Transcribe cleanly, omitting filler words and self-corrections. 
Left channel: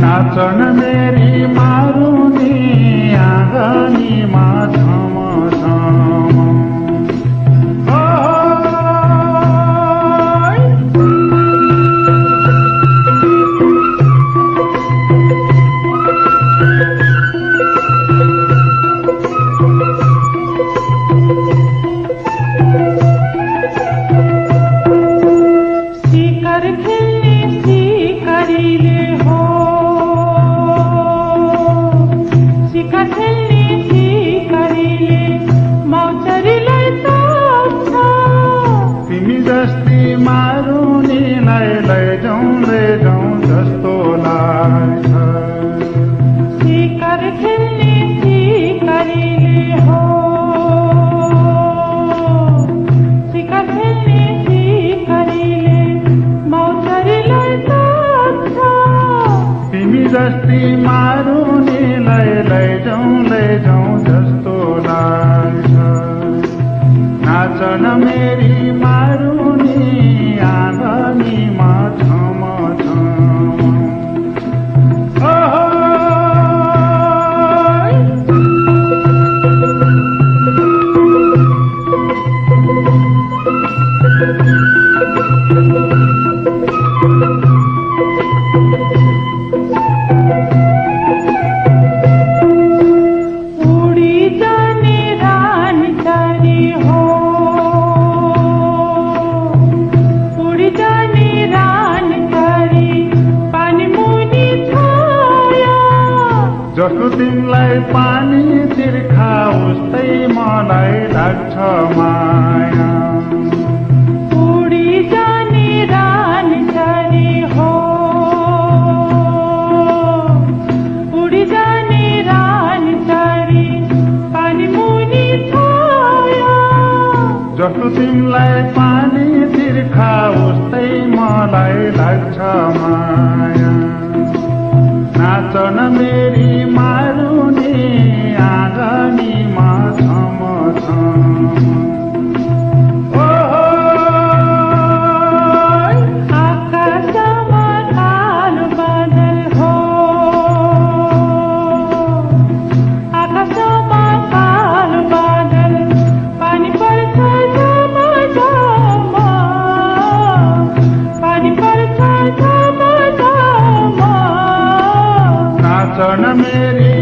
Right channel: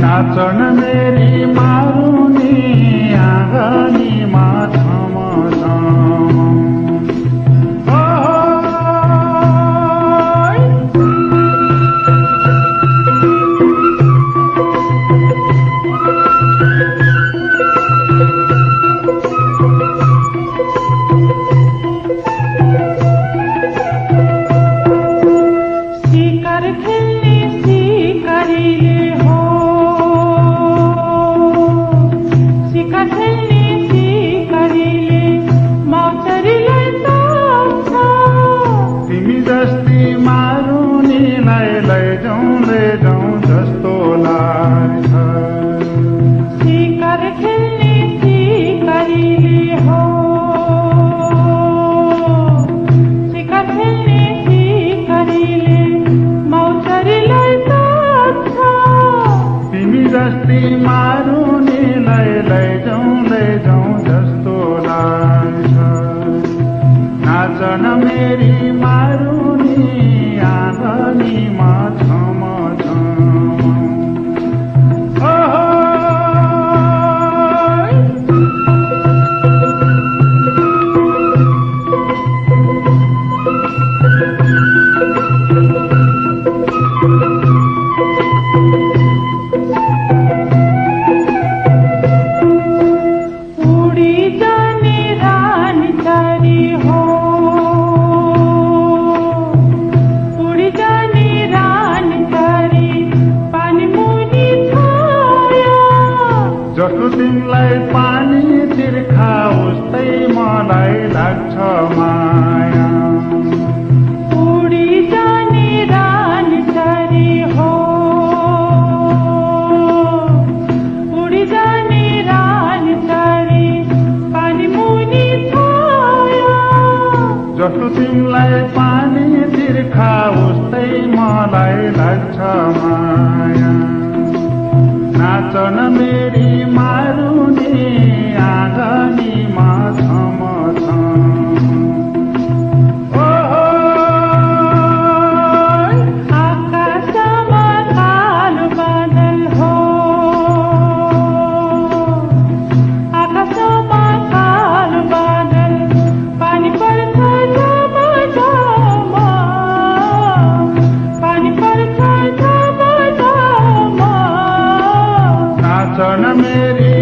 नाचन मेरी मारुनी आँगनी मा झम जस्ती मारुनी लैजाउँ जस्तो लाग्छ। नाचन मेरी मारुनी आँगनीमा झम जस्तो तिमीलाई पानी तिर्खा उस्तै मलाई लाग्छ माया। उडी जाने रानी तरी हो, उडी जाने रानी तरी पानी मुनि छाया। जस्तो तिमीलाई पानी तिर्खा उस्तै मलाई लाग्छ माया। नाचन मेरी मारुनी आँगनीमा झम आकाशमा कालो बादल हो, आकाशमा कालो बादल पानी पर्छ झम झम, पानी पर्छ झम झम। नाचन मेरी